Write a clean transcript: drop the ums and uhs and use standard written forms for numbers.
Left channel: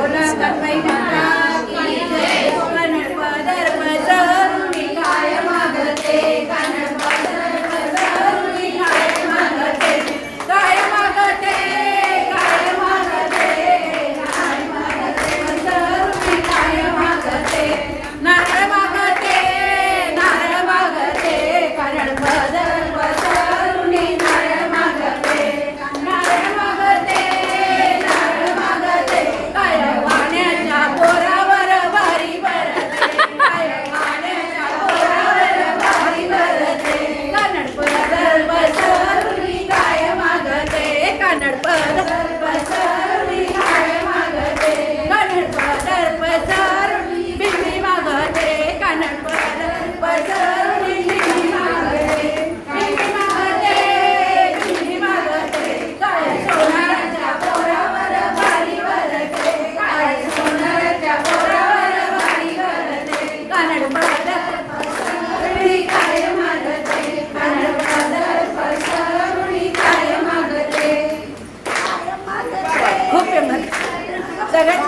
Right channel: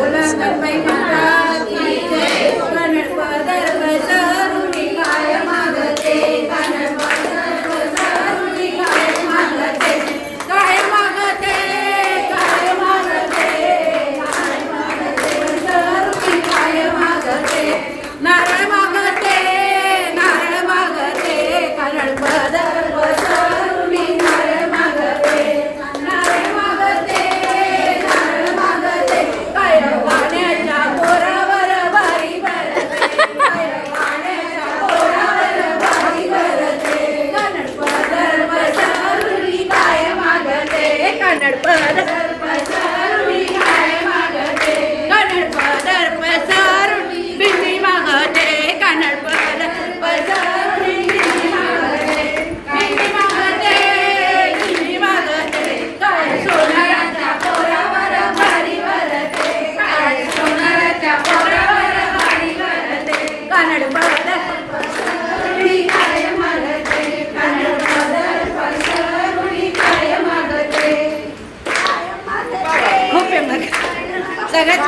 बोला गणपती माता की जय. कन्नड पदर पसरुनी काय मागते, कन्नड पदर पसरुनी काय मागते, काय मागते, काय मागते, काय मागते पसरुनी काय मागते. नारळ मागते, नारळ मागते, कन्नड पदर पसरुनी नारळ मागते, नारळ मागते, नारळ मागते. काय वाण्याच्या पोरावर वारी भरते, काय वाण्याच्या पोरावर वारी भरते. कन्नड पदर पसरुनी काय मागते, कन्नड पदर पसरुनी काय मागते, कन्नड पदर पसरुनी बिंदी मागते, कन्नड पदर पसरुनी बिंदी मागते, बिंदी मागते, बिंदी मागते. काय सोनाराच्या पोरावर वारी भरते, काय सोनाराच्या पोरावर वारी भरते. कन्नड पदर पसरुनी काय मागते, कन्नड पदर पसरुनी काय मागते, काय मागते. खूप आहे मग सगळ्यात